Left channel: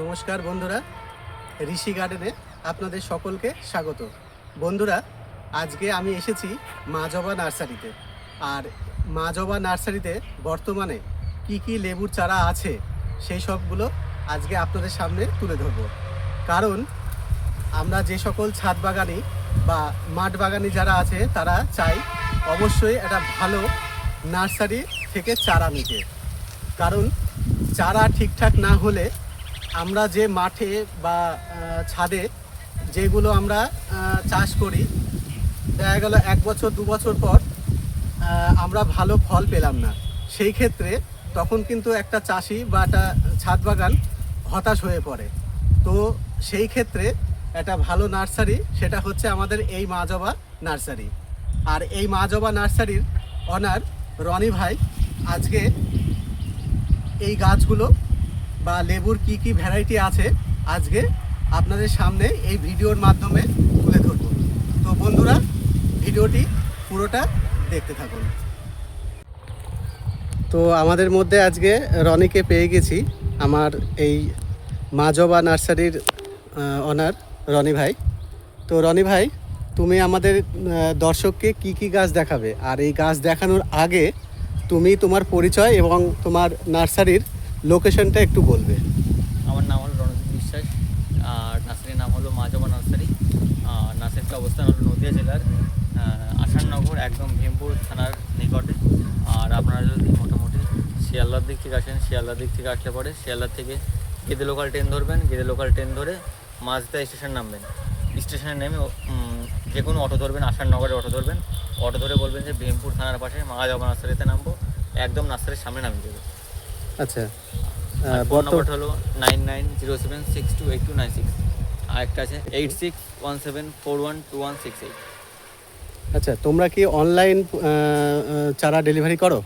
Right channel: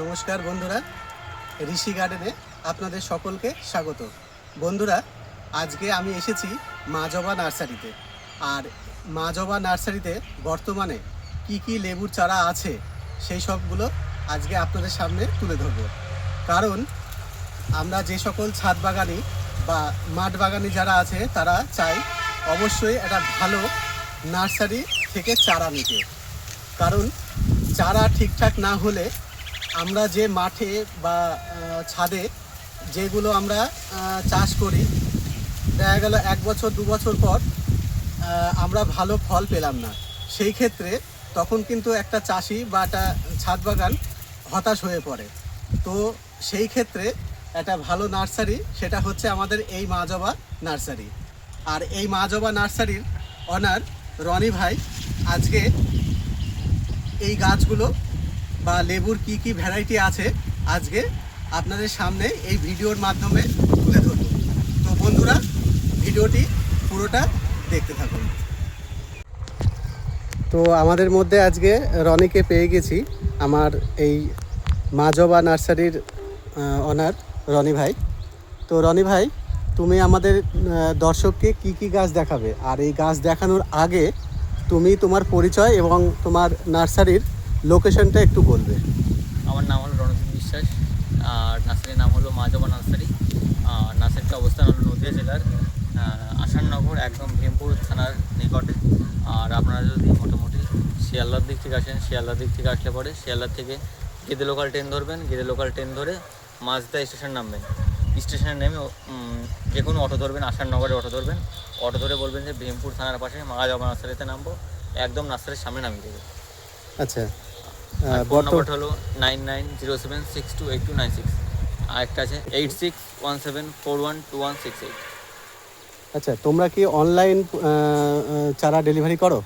নমস্কার বন্ধুরা, ঋষি গার্ডেনে আপনাদের সকলকে স্বাগত। বন্ধুরা, আজকে আমি এসেছি মা জবা নার্সারিতে। আর মা জবা নার্সারিতে বর্তমানে কি কি লেবুর চারা আছে সেই সবগুলো আজকে আপনাদের সামনে তুলে ধরব। কারণ আমরা যে সকল ছাদ বাগানি বা মাঠ বাগানি যারা আছে তারা চাই অবশ্যই একটা ভালো নার্সারি থেকে চারা নিতে। কারণ চারা ঠিকঠাক না হলে আমরা যে মাঠে বা ছাদে যেগুলো আমরা চাষ করি, দেখা গেল 1 বছর 2 বছর পর আমরা ভালো ফল পেলাম না। সেই ক্ষেত্রে তখন কিন্তু একটা চাষি বা একটা ছাদ বাগান হতাশ হয়ে পড়ে। তো সেই ক্ষেত্রে একটা ভালো নার্সারি সেটা হচ্ছে আমাদের এই মা জবা নার্সারি। আর এই মা জবা নার্সারির অনার রনি ভাই আজকে এই গাছগুলো বা লেবুর কি কি ভ্যারাইটি আছে আজকে আপনাদের সামনে এই ভিডিওর মাধ্যমে তুলে ধরব। তো বন্ধুরা, ভিডিওটি পুরোটা দেখতে থাকুন। তো আমাদের মধ্যে আজকে রনিকে পেয়ে গেছি, আমার এই মা জবা নার্সারির অনার রনি ভাই। তো রনি ভাই, তুমি আমাদের দর্শককে কি কি গাছ দেখাবে, আর এই গাছ দেখানোর আগে তুমি তোমার পরিচয় এবং তোমার নার্সারির লোকেশনটা একটু বলবে। আমার নাম হলো রণজিৎ বিশ্বাস, আর নার্সারির নাম হলো মা জবা নার্সারি। নার্সারিটার অবস্থান হলো নদিয়া জেলার আসাননগর, একদম ভীমপুর থানার নিকটে। আর আপনারা যদি মোটামুটি শিয়ালদার দিক থেকে আসেন, শিয়ালদার দিক থেকে আসলে পরে শিয়ালদার থেকে গেদে লোকাল ট্রেন ধরবেন, গেদে লোকাল ট্রেন ধরে মাঝদা স্টেশন নামবেন। স্টেশনে নেমে যে কোনো অটো ধরবেন, আসাননগরে অটো ধরবেন। অটো ধরে বলবেন যে ভীমপুর থানার পাশে মা জবা নার্সারিতে নামবো, একদম নার্সারির সামনে নামিয়ে দেবে। আচ্ছা, ফোন নাম্বারটা হলো 9907628296, আর একটা আছে 8617412168। আচ্ছা, তোমরা কি অনলাইন চারা ডেলিভারি করো?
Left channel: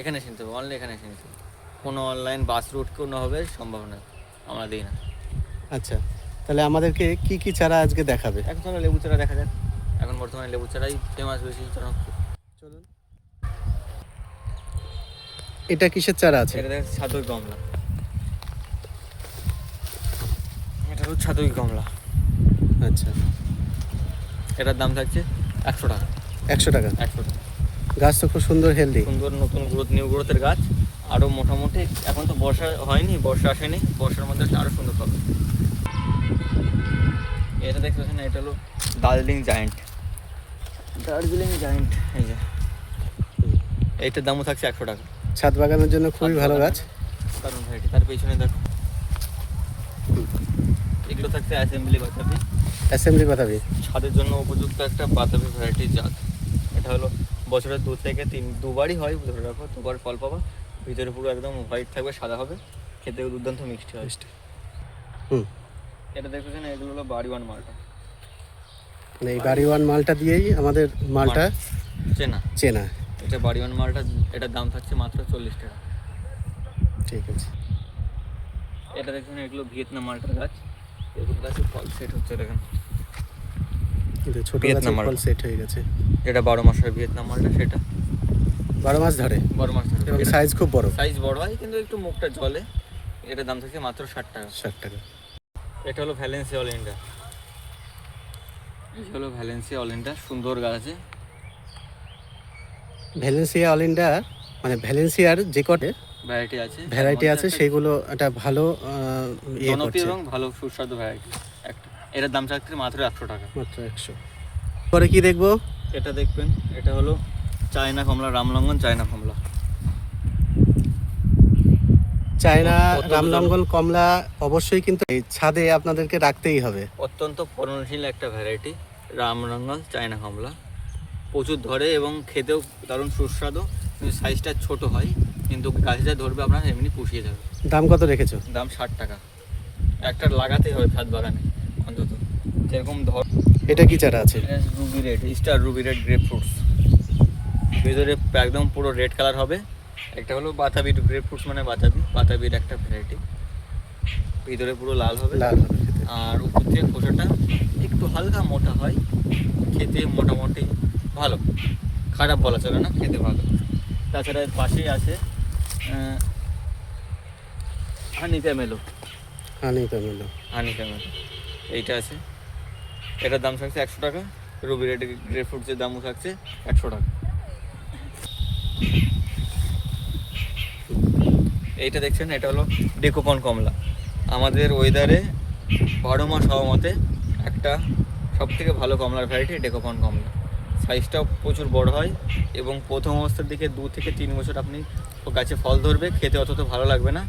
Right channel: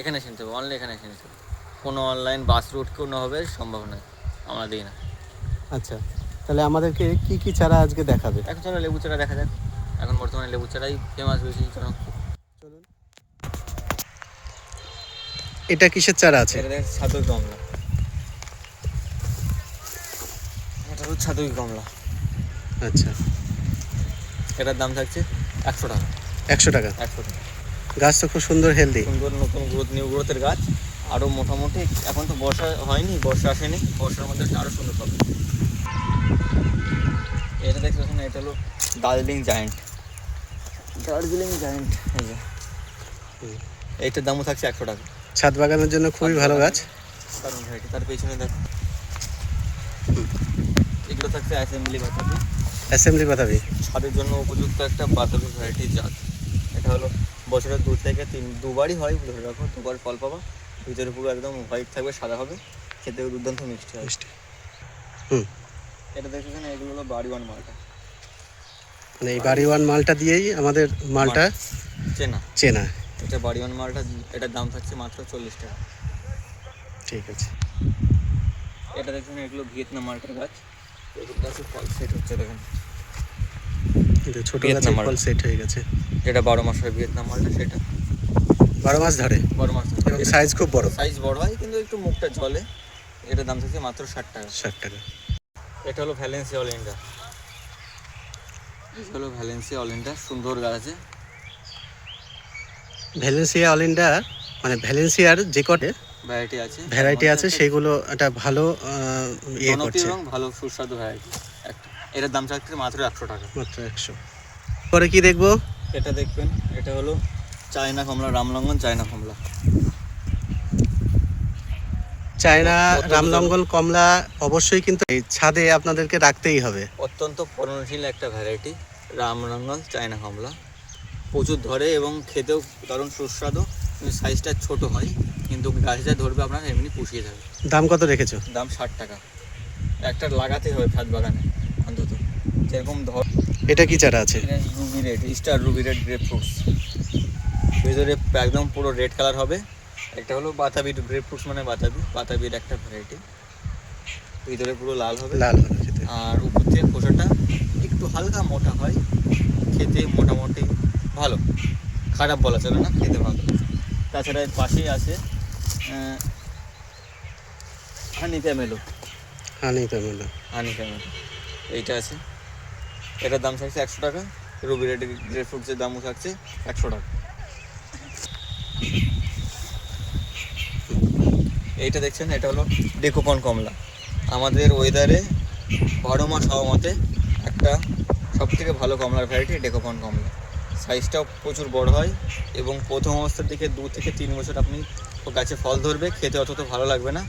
এখানে এসে নিতে হবে, অনলাইন এখানে এসে নিতে হবে। কোনো অনলাইন বাস রুট কোনোভাবে সম্ভব নয়, আমরা দিই না। আচ্ছা, তাহলে আমাদেরকে কি কি চারা আজকে দেখাবে? এখন চলো লেবু চারা দেখা যাক। এখন বর্তমানে লেবু চারাই ফেমাস, বেশি জনপ্রিয়। চলুন। এটা কিসের চারা আছে? এটা দেখেন ছাদই কমলা, এটা হলো ছাদই কমলা। আচ্ছা, এটার দাম থাকছে 100 টাকা। 100 টাকা? 100 টাকা। গাছ তো খুব সুন্দর, হেলদি, সুন্দর নতুন গ্রোথ, নিউ গ্রোথের গাছ। আরও মোটামুটি এখন তো বর্ষা হয়নি, বর্ষা আসেনি, বর্ষার মধ্যে আরও সুন্দর হবে। এটা দেখতে পাচ্ছেন, এটা হলো দার্জিলিং জায়েন্ট। দার্জিলিং জায়েন্ট, এই যে এইটার দামও থাকছে 100 টাকা। ছাদ বাগানের জন্য খুবই ভালো গাছ। কারণ ভ্যারাইটি তার পেছনে দেখো, এগুলো থাকছে অ্যাসেম্বলি বাতাবি। অ্যাসেম্বলি বাতাবি ছাদের জন্য উপযুক্ত একটা বাতাবি ভ্যারাইটির জাত। এটা হলো বছরের 2 থেকে 2বারই হয়, ধরে রাখো 2বার ফল পাবা। ভিতরে পুরো একদম হোয়াইট থাকবে, সাদা হবে, খেতে দুর্দান্ত মিষ্টি হয়। এটা দেখতেছেন, এগুলো হলো বাড়িওয়ান মালটা। মানে এই বাড়িওয়ান মালটা দিয়েই আমাদের মালটা চেনা। এটা বাড়িওয়ান মালটা, এটার দাম থাকছে মাত্র 40 টাকা। ঠিক আছে। এটা দেখছেন, এগুলো ভিয়েতনাম মালটার গাছ। এগুলো গাছে ফল সেট হচ্ছে, দেখেন কিন্তু ছোট গাছে ফল সেট হয়ে গেছে। এটা 12 মাস হয় ভিয়েতনাম মালটা, সেটা 12 মাস ধরে। 12 মাস ধরে, এবং সাইজ খুব বড়। সাইজ বড় হয় কিন্তু একটু মুখটা জলে। এটার দাম থাকছে মাত্র 60 টাকা। 60 টাকা। এটা হলো ভ্যালেন্সিয়া অল ইন্ডিয়া। এটা হলো ভ্যালেন্সিয়া অল ইন্ডিয়া, সুন্দর গাছ আছে। ভ্যালেন্সিয়া অল ইন্ডিয়া মানে ভ্যালেন্সিয়ার যে কটে ভ্যারাইটি আছে সেগুলো একটা ভালো জনপ্রিয় এবং ভালো সুস্বাদু ভ্যারাইটি একটা। এটার দাম থাকছে মাত্র 100 টাকা। মাত্র 100। পরে কি দেখবো? এটা দেখবেন, এটা হলো চায়না কমলা, রামলঙ্গন চায়না কমলা। চায়না রামলঙ্গন কমলা অবশ্যই কিন্তু এই ছাদে আপনাদেরকে রাখতেই হবে। অত্যন্ত ফলনশীল একটা ভ্যারাইটি রামলঙ্গন চায়না কমলা। প্রচুর ধরে এবং খেতেও দারুণ সুস্বাদু, কিন্তু সাইজটা ছোট হয়, কিন্তু গাছটা ধরবে আপনার এমনি পুষিয়ে যাবে। দাম কত রেখেছো? দাম 60 টাকা। একটা লাগাতেই হবে ছাদ বাগানে অন্তত, যেরকম ধর। এটা কি চারা আছে? Ruby red, star Ruby red grape fruits. ভেতরে একদম পুরো রেড কালার হবে। একটা হলো বাতাবি গ্রেপ ফ্রুটস, মানে বাতাবির একটা ভ্যারাইটি। ভিতরে পুরো লাল হবে খেতে। আর উপর থেকে খোসাটা একটু হালকা মোটা হয়, খেতে মোটামুটি ভালো, খারাপ বলা চলে না, খেতে ভালো। তাছাড়া এর পাশেই আছে হানি ক্যামেলো। হানি টমেটো। হানি টমেটো এইটা আছে, এটার দাম থাকছে 100 টাকা। রুবি রেড গ্রেপ ফ্রুটসের দামও থাকছে 100 টাকা। এইটা দেখছেন, এটা হলো ডেকোপন কমলা। আমাদের ওয়েদারে 12 মাস হওয়া মতে একটা সব থেকে ভালো কমলার ভ্যারাইটি ডেকোপন কমলা। সাইজটাও প্রচুর বড় হয় এবং প্রথম অবস্থার দিকে 2 থেকে 3 বছর আপনি গাছে ফল ধরবে, খেতে অতটা ভালো লাগবে না।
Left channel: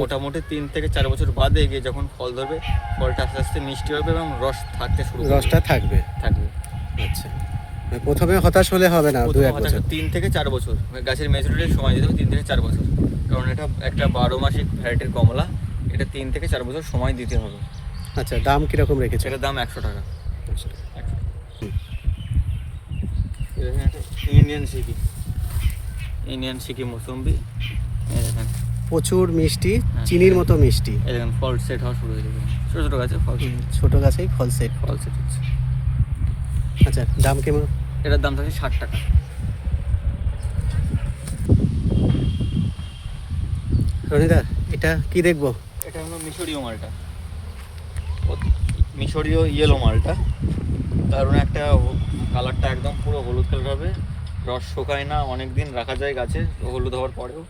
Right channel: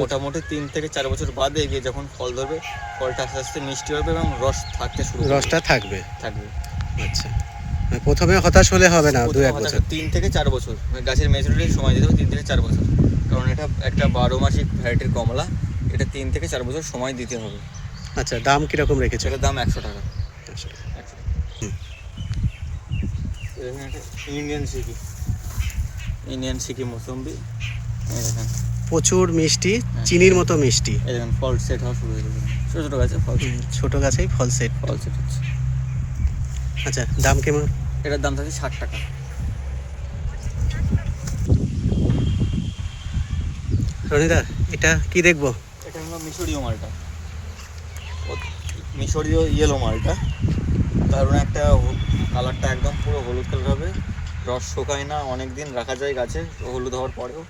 মোটামুটি 3 থেকে 4 বছর বাদে গিয়ে যখন ফল ধরবে, ফলটা আস্তে আস্তে মিষ্টি হবে এবং রস থাকতে শুরু করবে। রসটা থাকবে। আচ্ছা, মানে প্রথমে হতাশ হলে হবে না, 2-1 বছর। 3 থেকে 4 বছর গাছের ম্যাচুরিটির সময় দিতে হবে, 3 থেকে 4 বছর, কারণ এটা একটা 12 মাসিক ভ্যারাইটির কমলা। এটা 3 থেকে 4 বছর সময় দিতে হবে। আচ্ছা, দাম কিরকম রেখেছে? এটার দাম 100 টাকা। 100 টাকা। 100 টাকা। হুম। এখানে একটা ইন্ডিয়ান সিকি মৌসুম্বি, এই দেখেন প্রচুর মিষ্টি, চিনির মতো মিষ্টি। এই দেখেন ফল সেট হওয়া শুরু হয়ে যাবে, ছোটো ছোটো গাছে ফল ছোট গাছেই ফল সেট। হচ্ছে। আচ্ছা, দাম কেমন? এটার দাম থাকে 60 টাকা। রনিদা, এটা কি দেখবো? এটা হলো মিশরীয় মালটা, মিশরীয় ইয়েলো মালটা। দারুণ একটা কালারটা একদম পুরো হলুদ কালার হবে, রস শোকায় না, অনেক দিন রাখা যায় গাছে হলুদ হওয়ার পরেও।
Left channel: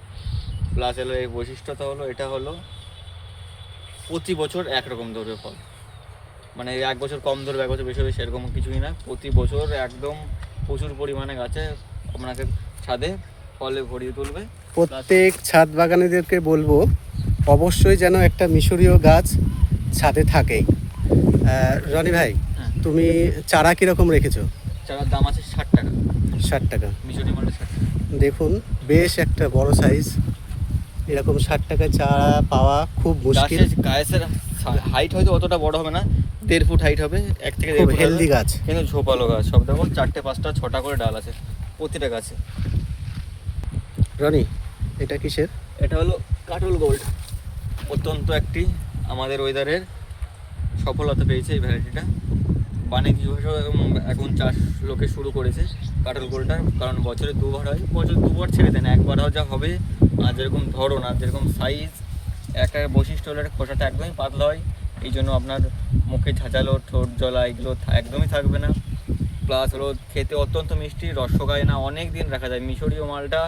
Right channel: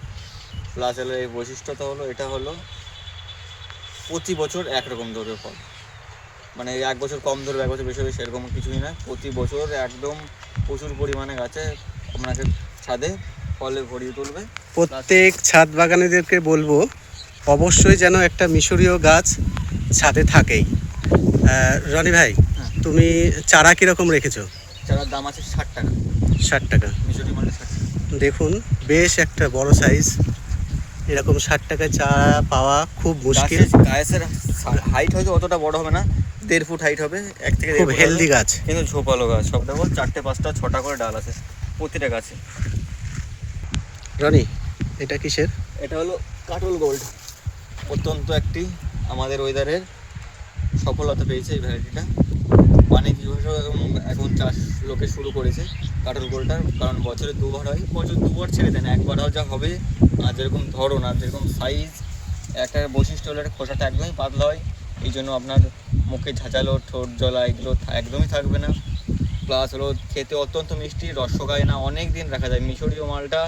প্লাস এর এই বৈশিষ্ট্যটা হলো, এটা হলো প্রতি বছর একরকম ধরবে ফল, মানে 1 বছর কম ধরবে 1 বছর বেশি হবে সেরকম কিছুই না। প্রতি বছর একদম প্রচুর পরিমাণে গাছে আপনাকে ছাদে ফলে ভরিয়ে তুলবে। প্রত্যেক ছাদ বাগানীদেরকে বলবো অবশ্যই যেন একটা মিশরীয় গাছ ছাদে থাকেই। রনি ভাই, হ্যাঁ। তুমি চারা কিরকম রেখেছো? চারার দাম আছে 60 টাকা। 60 টাকা। মিশরীয় মালটা 60 টাকা। দেখুন, বেশ একটা বড় সাইজ। এরকম 60 টাকায় চারা পাওয়া খুব মুশকিল। গাছের হাইট হয়তো অতটা বড় হবে না, 1.5 ফুট হাইট হবে, 1 থেকে 1.5 খুব ফুট হেলদি হবে। গাছ। কিন্তু ঝোপালো গাছ সব, দেখো 4টে 5টা 6টা করে ডাল আছে প্রতিটা গাছে। রনি, এটা কিসের? এটা হলো কাটল গোল্ড, অত্যন্ত একটি আমাদের ওয়েদারের সফলতা পেয়েছে এই ভ্যারাইটিটা। বাণিজ্যিক হিসেবে এখন চাষ লোকে শুরু করেছে কাটল গোল্ডটার, কারণ বছরে 2বার হয়, বছর 2বার ছেড়ে দেন, 1বার যা হবে। আর যেরকম ধরন আর যেরকম সাইজ, একটা বৈশিষ্ট্য হলো খোসাটা একদমই পাতলা হয়, এই জন্য আপনার মুখে ঝাঁঝালো, ঠোঁট জ্বলা এগুলো একদমই থাকবে না। প্লাস হলো খেতে অত্যন্ত মিষ্টি, রস শোকায় না, অনেক দিন রাখা যায়। মিশরীয় মালটা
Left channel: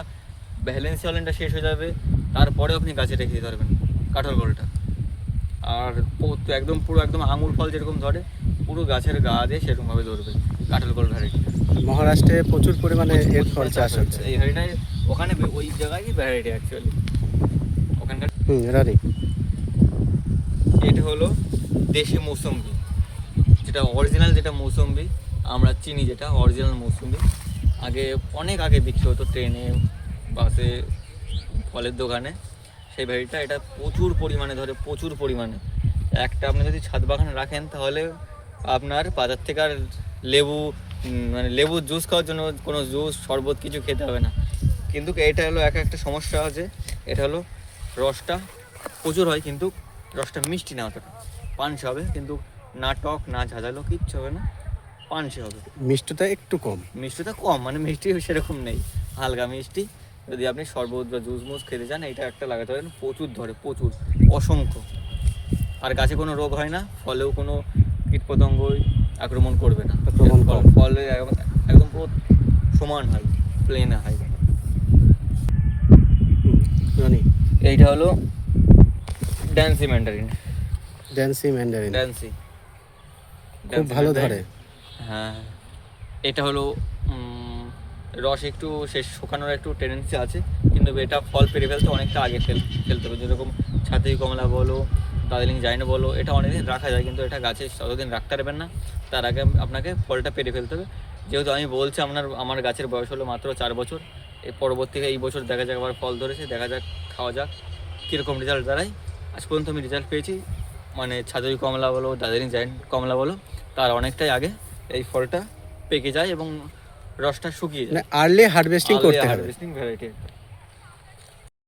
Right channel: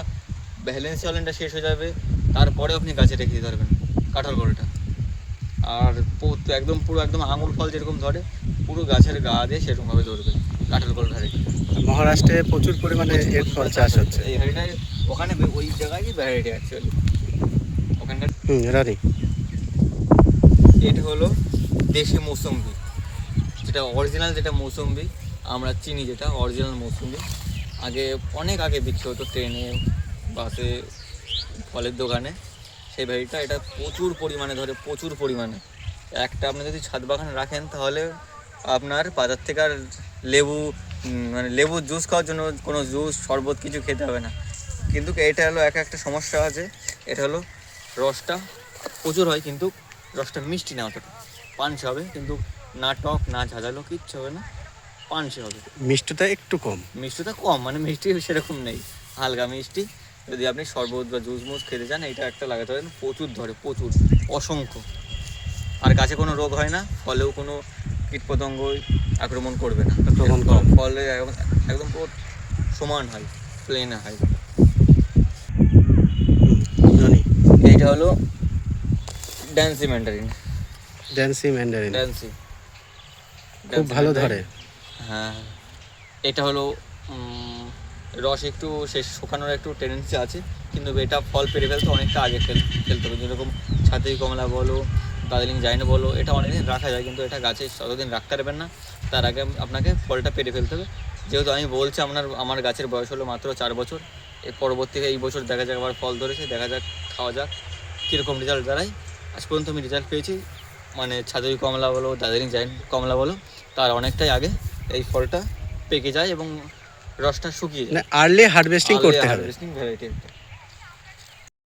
ভ্যালেন্সিয়া অরেঞ্জটা শেষ হয়ে যাবে, তারপরে আপনি গাছে রেখে দিতে পারবেন কাঁঠাল গোলটা। আর একদম পুরো একদম আঙুর ফল যেরকম ধরে, পুরো গাছের গা দিয়ে সেরকমভাবে ধরবে কাঁঠাল গোল ভ্যারাইটি। মহারাষ্ট্রে প্রচুর পরিমাণে এর ফল চাষ হচ্ছে। এই ভ্যারাইটি ওখানে ওই জায়গায় ভ্যারাইটি অ্যাকচুয়ালি ওখানকার। রনি, এটা হলো দেশি মৌসুম্বি, যেটা অরিজিনাল, যেটা মৌসুম্বি আমরা চিনি, যেটা অরিজিনাল মৌসুম্বি। আগে অনেক আগে বিক্রি হতো ট্রেনে, বাসে, ফলের দোকানে, সেই ভ্যারাইটিটা। এটা প্রচুর পরিমাণে ধরে, প্রচুর পরিমাণে। একটা আপনি যদি ছাদ বাগান রাখেন, তাহলে আপনার বাজার থেকে আর মানে লেবুর জুস খাওয়ার জন্য কোনো জুস শরবত কিছু খেতে হবে না। কিন্তু এটা হলো একটা সমস্যা আছে, এটা হলো রসটা প্রচুর হয়, কিন্তু রসটা মিষ্টি না, অতটা পানসে হবে, কিন্তু না টক না ঝাঁঝালো, কিচ্ছু হবে না, পানসে হবে। মিষ্টিটা একটু কম। মিষ্টিটা কম, মানে মিষ্টি সেরকম নেই, হালকা মিষ্টি। যদি আপনি শরবত বা জুস মুস খেতে চান, এটা একটা লাগাতে পারেন, প্রচুর ধরে, প্রচুর, অসংখ্য। আর গাছে কোনো রোগ হয় না, ফলেও কোনো কীটপতঙ্গ আক্রমণ করবে না, ফলে একদম পুরো সমান হয়, প্লেন হয়। রনি, এইটা হলো ড্যান্সি ম্যান্ডারিন। ড্যান্সি খুব ভালো ধরে। হ্যাঁ, এটা হলো রস একটু শেষ শুকানোর একটু টেন্ডেন্সি আছে, কিন্তু এটা ফল পেরে ফেলতে অনেকটা আগে ফেলতে হবে। যেরকম ছাতি কমলা বলো, দার্জিলিং জাইন বলো, এটা অনেকদিন রাখা যায়, কিন্তু এটা গাছে ততদিন রাখতে পারবেন না, তার আগে আপনাকে ফলটা পেরে ফেলতে হবে। যেহেতু আমি বলছি আমার গাছের বয়স হলো মাত্র 4 বছর, এর পরবর্তীতে এই বছর দেখা যাক আবার ফল ধরেছে, দেখা যাক, খাওয়া যাক কীরকম রেজাল্ট দাঁড়ায়। আজ পর্যন্ত আমি রেজাল্ট পেয়েছি, মানে ছাদুই কমলা বলো, দার্জিলিং জাইন্ট কমলা বলো, তার অনেকটাই আগে এই ফলটা পেকে যায় এবং রসটা শুকিয়ে যায়। আর্লি হারভেস্টিং করতে হবে। ভ্যারাইটি একটা।